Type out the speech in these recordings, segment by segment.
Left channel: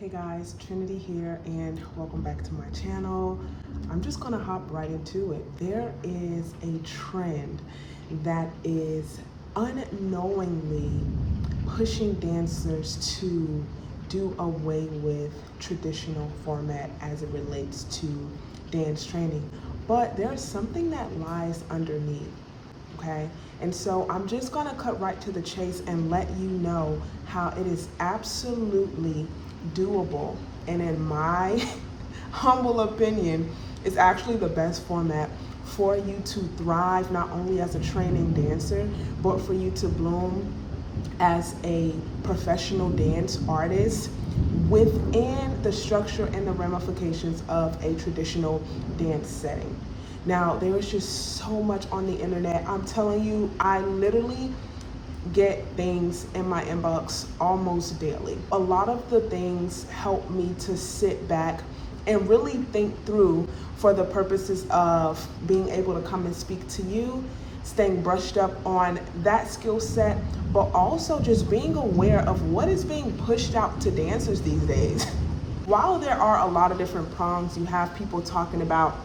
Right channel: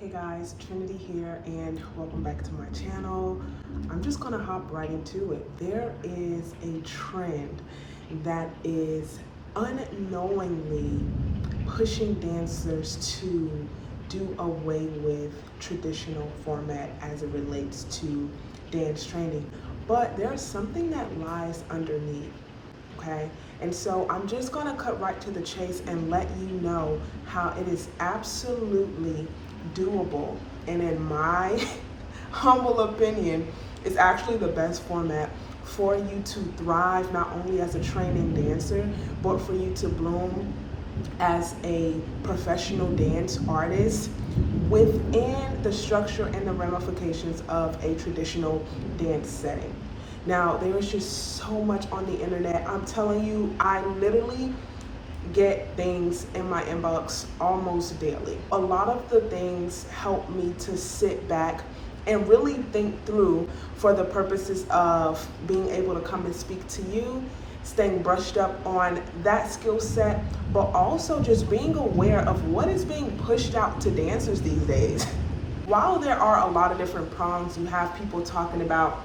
Hey guys, Trinity here and welcome back to my channel. I'm just gonna hop right into it. There is a trend that is unknowingly pushing dancers to do away with traditional format as it relates to dance training. But there's something that lies underneath. Okay, and so I'm just gonna cut right to the chase and let you know how it is absolutely doable, and in my humble opinion, is actually the best format for you to thrive not only as a training dancer, but for you to bloom as a professional dance artist within the structure and the ramifications of a traditional dance setting. Now, there is just so much on the internet. I'm telling you, I literally get things in my inbox almost daily. A lot of the things help me to sit back and really think through for the purposes of being able to come and speak to you, staying brushed up on that skill set, but also just being aware of what is being pushed out to dancers these days. While there are a lot of different prongs, you have people talking about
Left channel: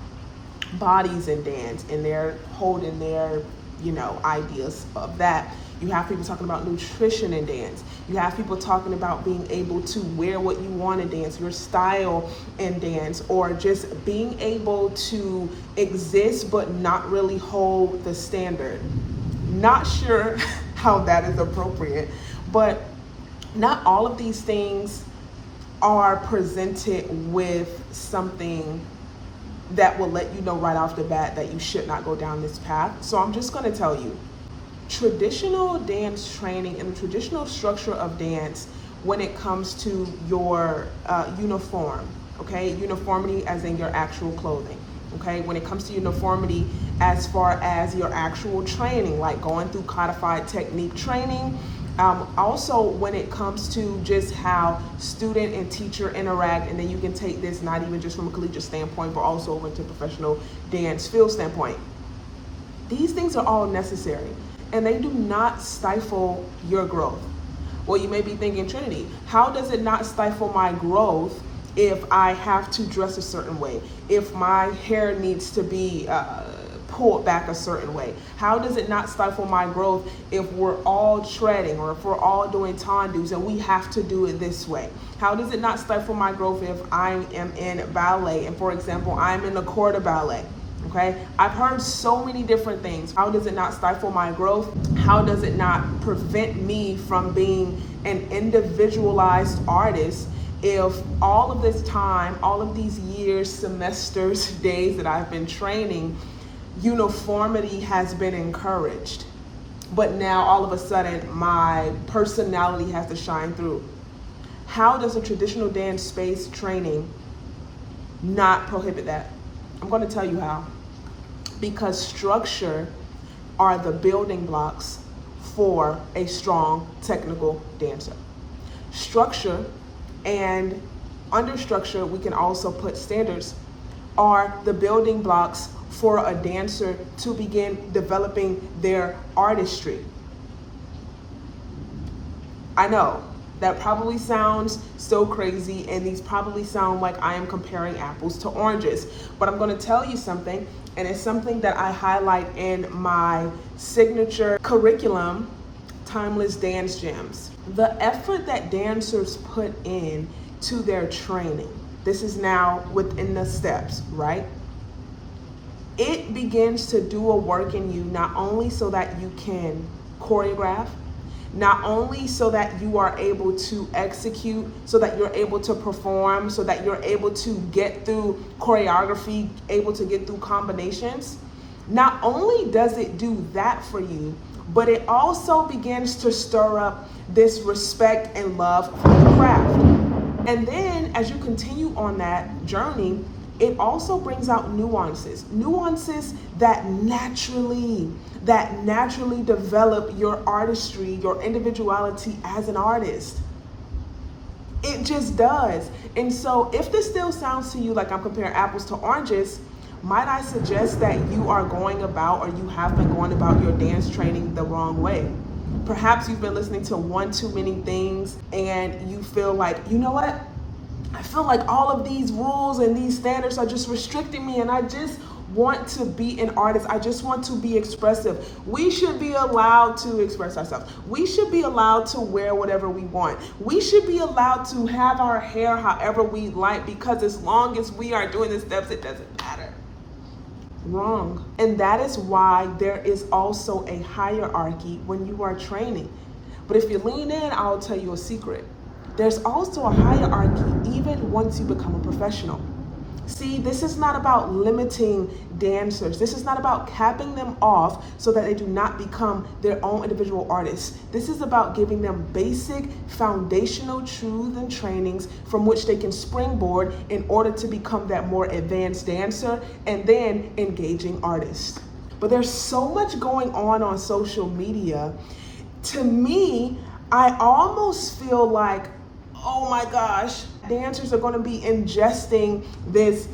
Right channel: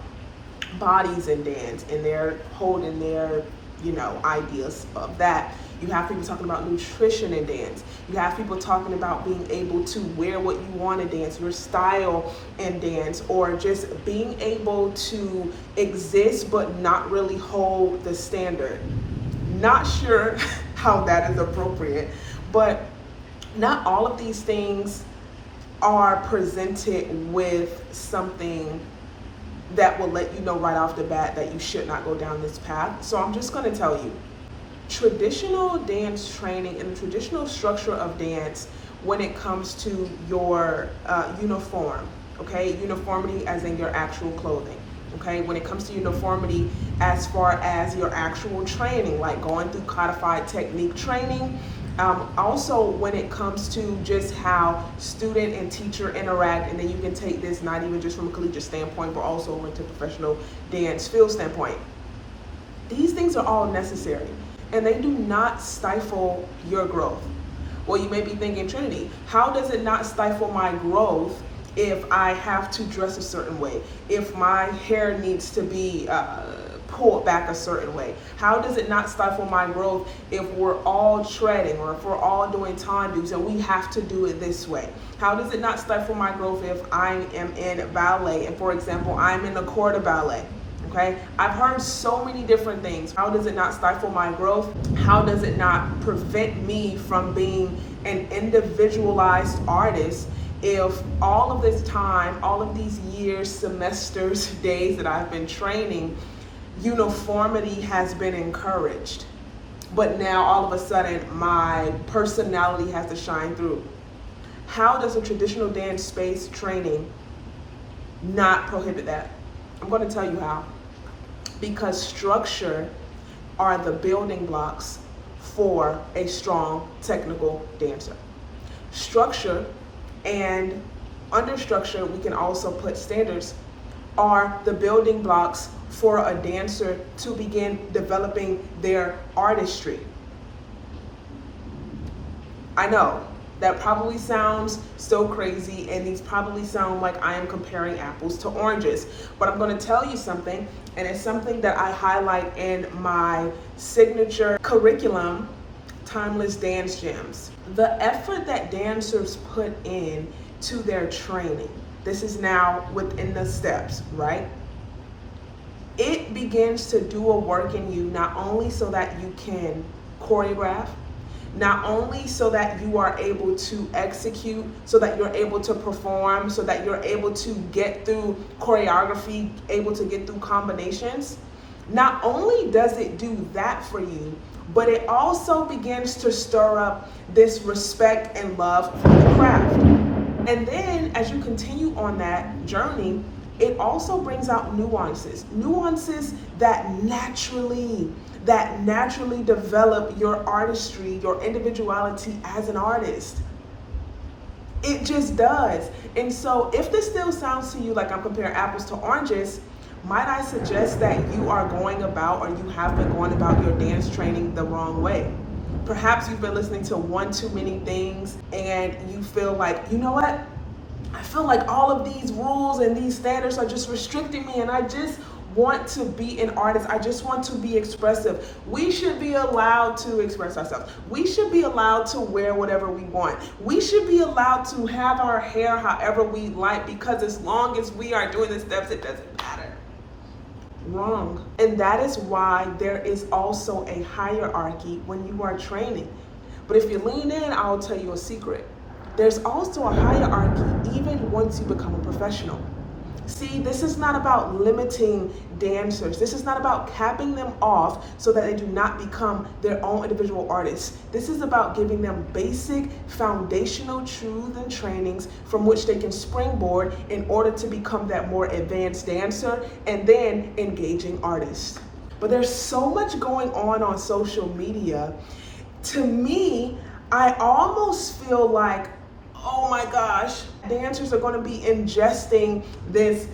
bodies in dance and they're holding their ideas of that. You have people talking about nutrition in dance. You have people talking about being able to wear what you want to dance, your style in dance, or just being able to exist but not really hold the standard. Not sure how that is appropriate, but not all of these things are presented with something that will let you know right off the bat that you should not go down this path. So I'm just going to tell you, traditional dance training and the traditional structure of dance when it comes to your uniform, okay? Uniformity as in your actual clothing, okay? When it comes to uniformity as far as your actual training, like going through codified technique training, also when it comes to just how student and teacher interact, and then you can take this not even just from a collegiate standpoint, but also with the professional dance field standpoint. These things are all necessary, and they do not stifle your growth. Well, you may be thinking, Trinity, how does it not stifle my growth if I have to dress a certain way, if my hair needs to be pulled back a certain way? How does it not stifle my growth if we're all treading or if we're all doing tendus and we have to do it this way? How does it not stifle my growth if I am in ballet and, for example, I'm in a corps de ballet? Okay, I've heard so many different things. How does it not stifle my growth? How does it not prevent me from being an individualized artist if all of this time, all of these years, semesters, days that I've been training, uniformity has been encouraged, but now all of a sudden my personality has to shine through? How does a traditional dance space training not prohibit that? I'm going to tell you how. Because structure are the building blocks for a strong technical dancer. Structure, and under structure we can also put standards, are the building blocks for a dancer to begin developing their artistry. I know that probably sounds so crazy, and these probably sound like I am comparing apples to oranges, but I'm going to tell you something, and it's something that I highlight in my signature curriculum, Timeless Dance Gems. The effort that dancers put in to their training, this is now within the steps, right? It begins to do a work in you, not only so that you can choreograph, not only so that you are able to execute, so that you're able to perform, so that you're able to get through choreography, able to get through combinations. Not only does it do that for you, but it also begins to stir up this respect and love for the craft. And then as you continue on that journey, it also brings out nuances that naturally develop your artistry, your individuality as an artist. It just does. And so if this still sounds to you like I'm comparing apples to oranges, might I suggest that you are going about, or you have been going about, your dance training the wrong way. Perhaps you've been listening to one too many things and you feel like, you know what? I feel like all of these rules and these standards are just restricting me, and I just want to be an artist. I just want to be expressive. We should be allowed to express ourselves. We should be allowed to wear whatever we want. We should be allowed to have our hair however we like, because as long as we are doing the steps, it doesn't matter. Wrong. And that is why there is also a hierarchy when you are training. But if you lean in, I'll tell you a secret. There's also a hierarchy even once you become a professional. See, this is not about limiting dancers. This is not about capping them off so that they do not become their own individual artists. This is about giving them basic foundational truths and trainings from which they can springboard in order to become that more advanced dancer and then engaging artist. But there's so much going on social media. To me, I almost feel like, oh my gosh, dancers are going to be ingesting this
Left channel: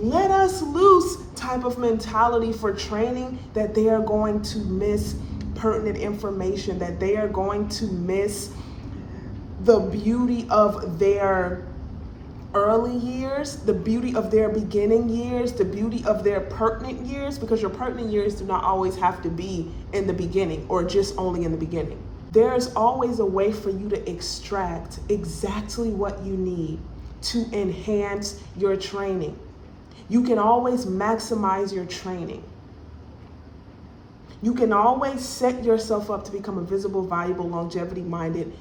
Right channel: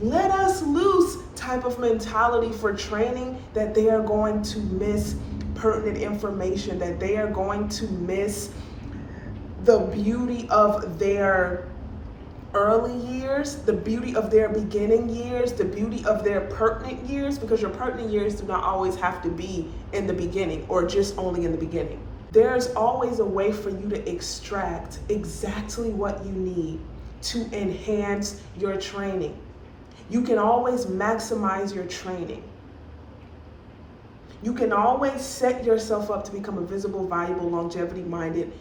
let us loose type of mentality for training, that they are going to miss pertinent information, that they are going to miss the beauty of their early years, the beauty of their beginning years, the beauty of their pertinent years, because your pertinent years do not always have to be in the beginning or just only in the beginning. There's always a way for you to extract exactly what you need to enhance your training. You can always maximize your training. You can always set yourself up to become a visible, valuable, longevity-minded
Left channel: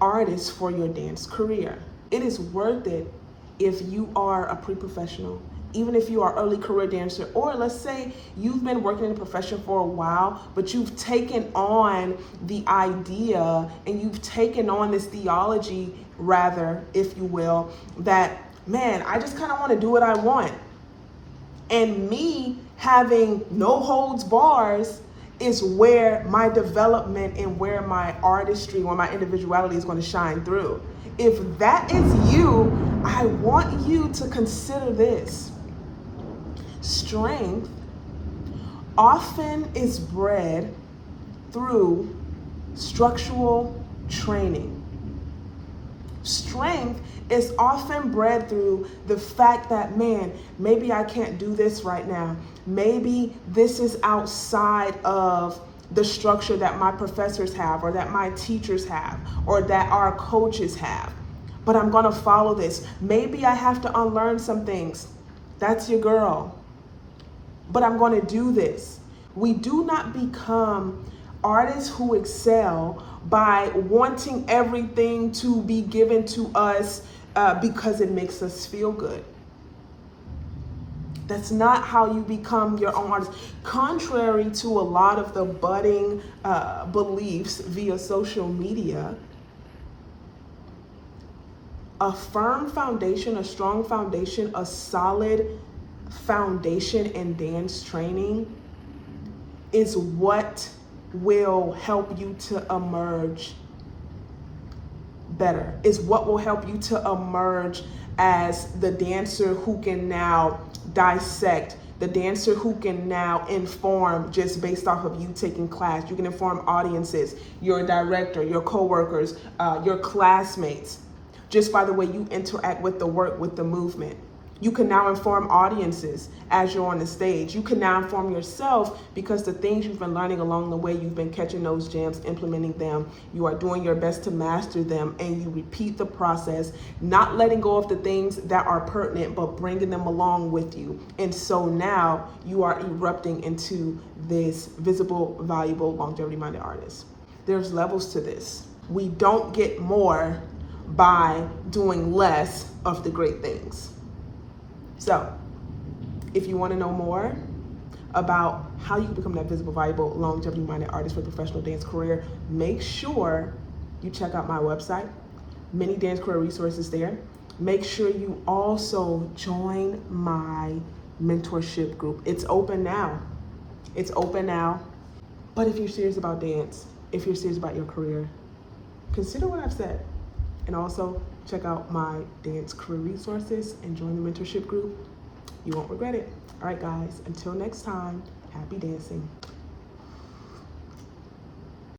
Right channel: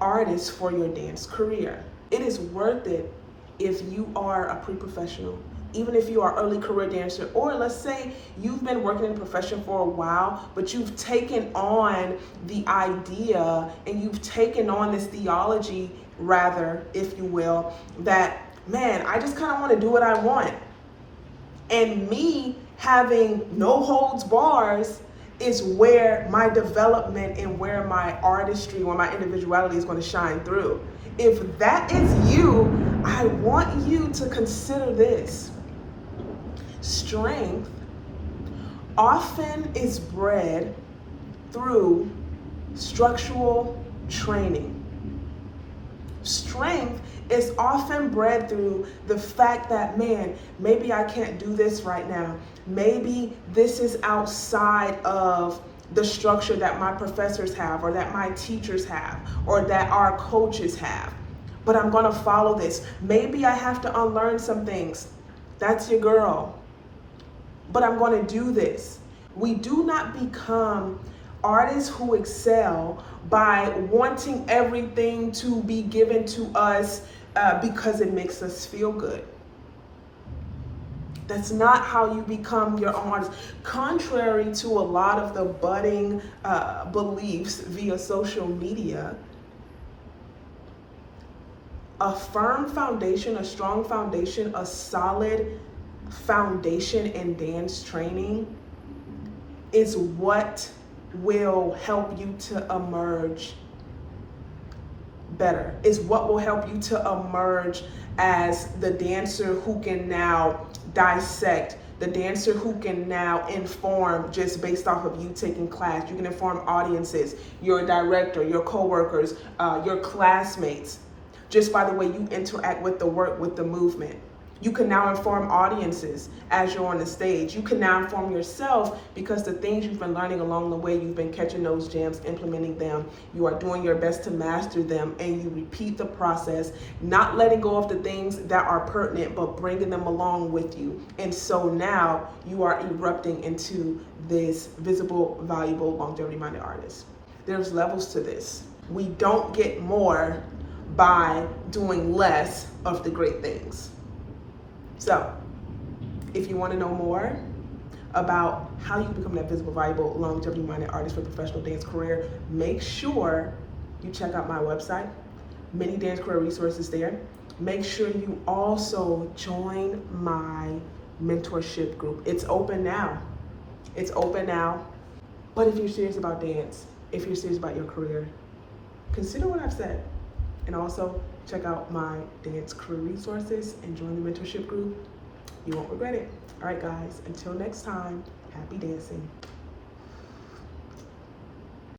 artist for your dance career. It is worth it if you are a pre-professional, even if you are early career dancer, or let's say you've been working in the profession for a while, but you've taken on the idea and you've taken on this theology, rather, if you will, that, man, I just kind of want to do what I want. And me having no holds bars is where my development and where my artistry, where my individuality is going to shine through. If that is you, I want you to consider this. Strength often is bred through structural training. Strength is often bred through the fact that, man, maybe I can't do this right now. Maybe this is outside of the structure that my professors have, or that my teachers have, or that our coaches have. But I'm gonna follow this. Maybe I have to unlearn some things. That's your girl. But I'm gonna do this. We do not become artists who excel by wanting everything to be given to us because it makes us feel good. That's not how you become your own artist. Contrary to a lot of the budding beliefs via social media, a firm foundation, a strong foundation, a solid foundation in dance training is what will help you to emerge better, is what will help you to emerge as the dancer who can now dissect, the dancer who can now inform just based off of you taking class. You can inform audiences, your director, your coworkers, your classmates, just by the way you interact with the work, with the movement. You can now inform audiences as you're on the stage. You can now inform yourself because the things you've been learning along the way, you've been catching those gems, implementing them. You are doing your best to master them, and you repeat the process, not letting go of the things that are pertinent, but bringing them along with you. And so now you are erupting into this visible, valuable, longevity-minded artist. There's levels to this. We don't get more by doing less of the great things. So, if you want to know more about how you can become that visible, valuable, longevity-minded artist with a professional dance career, make sure you check out my website. Many dance career resources there. Make sure you also join my mentorship group. It's open now. It's open now. But if you're serious about dance, if you're serious about your career, consider what I've said. And also check out my dance career resources and join the mentorship group. You won't regret it. All right, guys, until next time, happy dancing.